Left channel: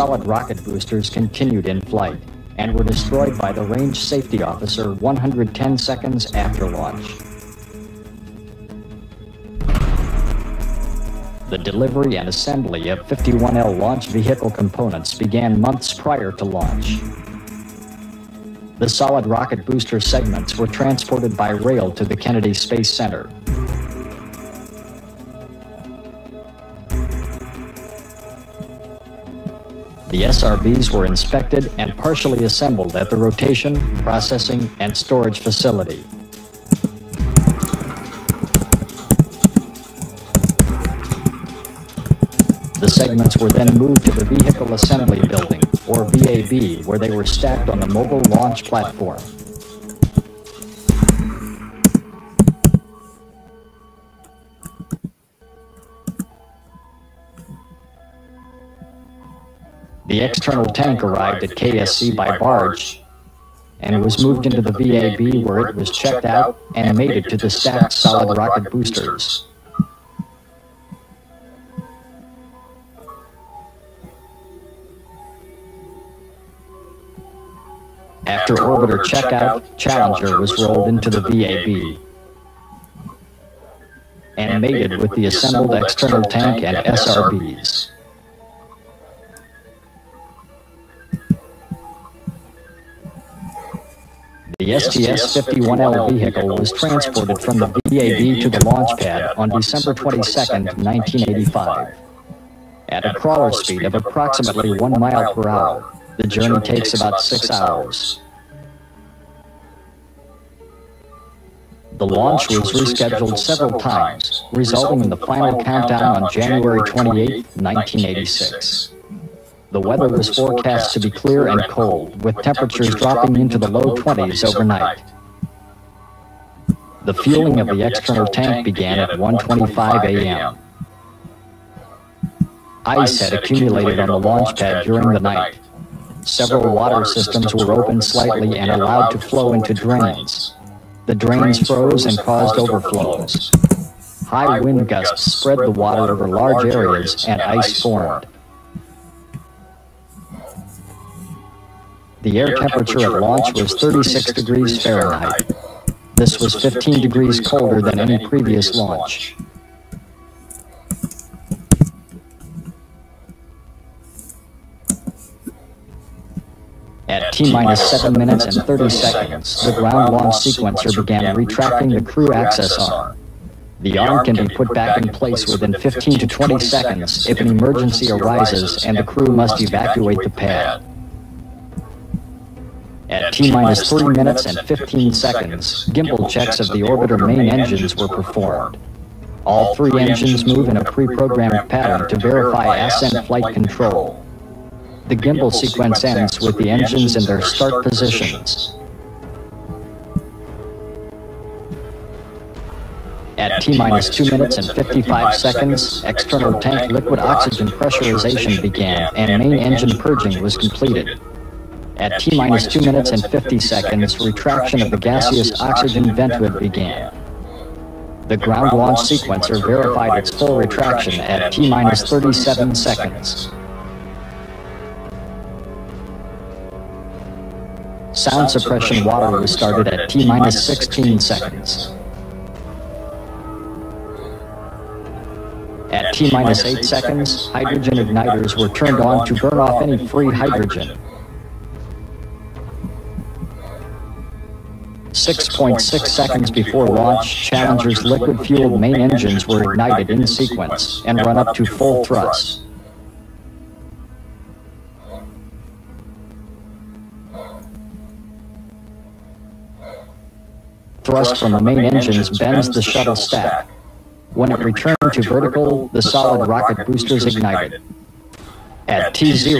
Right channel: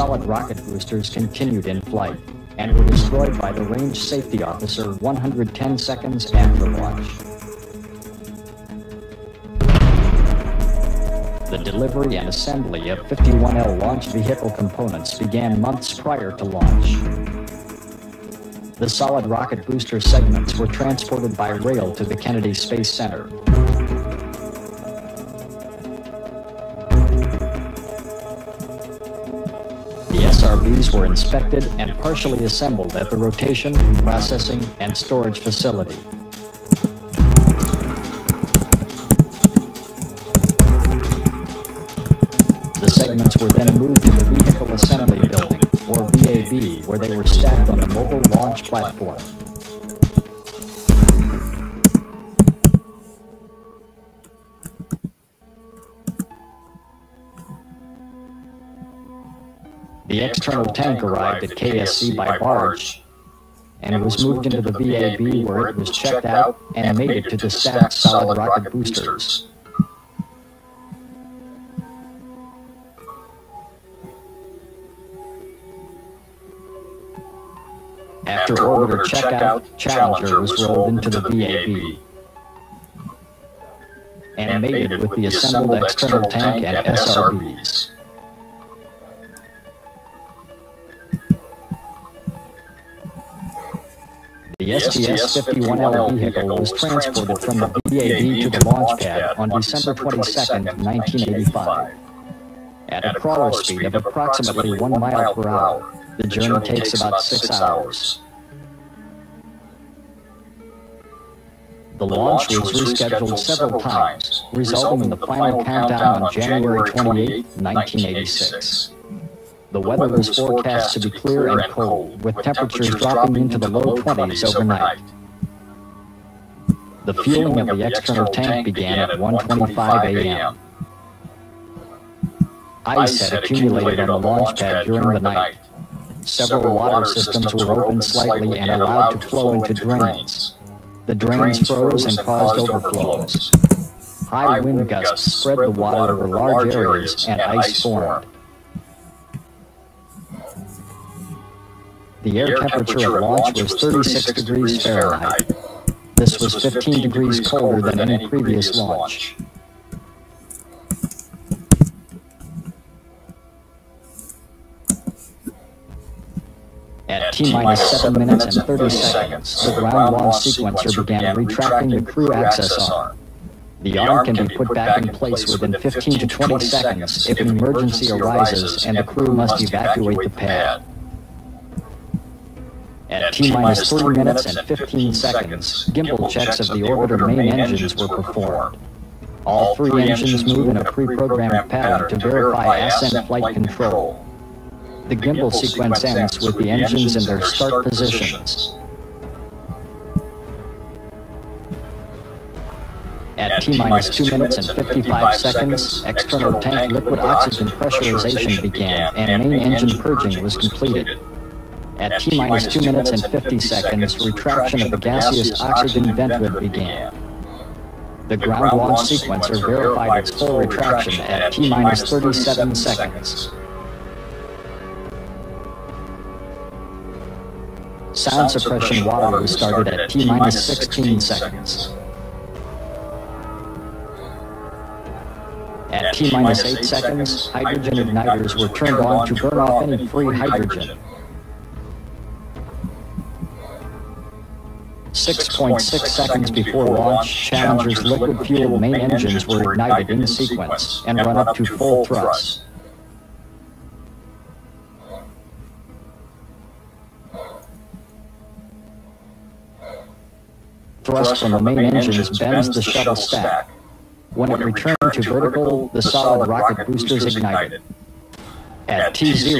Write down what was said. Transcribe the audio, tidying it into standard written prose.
solid rocket boosters continued in flight and were destroyed by a range safety officer 110 seconds after launch. The delivery and assembly of 51L launch vehicle components began months prior to launch. The solid rocket booster segments were transported by rail to the Kennedy Space Center. The SRBs were inspected and partially assembled at the rotation, processing, and storage facility. The segments were then moved to the Vehicle Assembly Building, or VAB, where they were stacked on the old launch platform. The external tank arrived at KSC by barge and was moved into the VAB, where it was checked out and made it to the stacked solid rocket boosters. After orbiter checkout, Challenger was rolled into the VAB and mated with the assembled external tank and SRBs. The STS-51L vehicle was transported from the VAB to the launch pad on December 22, 1985. At a crawler speed of approximately 1 mile per hour, the journey takes about 6 hours. The launch was rescheduled several times, resulting in the final countdown on January 28, 1986. The weather was forecast to be clear and cold, with temperatures dropping into the low 20s overnight. The fueling of the external tank began at 1:25 a.m. Ice had accumulated on the launch pad during the night. Several water systems were opened slightly and allowed to flow into drains. The drains froze and caused overflows. High wind gusts spread the water over large areas and ice formed. The air temperature at launch was 36 degrees Fahrenheit. This was 15 degrees colder than any previous launch. At T-minus 7 minutes and 30 seconds, the ground launch sequencer began retracting the crew access arm. The arm can be put back in place within 15 to 20 seconds if an emergency arises and the crew must evacuate the pad. At T-minus 3 minutes and 15 seconds, gimbal checks of the orbiter main engines were performed. All 3 engines move in a pre-programmed pattern to verify ascent flight control. The gimbal sequence ends with the engines in their start positions. At T-minus 2 minutes and 55 seconds, external tank liquid oxygen pressurization began and main engine purging was completed. At T-minus 2 minutes and 50 seconds, retraction of the gaseous oxygen vent hood began. The ground launch sequencer verified its full retraction at T-minus 37 seconds. Sound suppression water was started at T-minus 16 seconds. At T-minus 8 seconds, hydrogen igniters were turned on to burn off any free hydrogen. 6.6 seconds before launch, Challenger's liquid-fueled main engines were ignited in sequence and run up to full thrust. Thrust from the main engines bends the shuttle stack. When it returned to vertical, the solid rocket boosters ignited. At T0,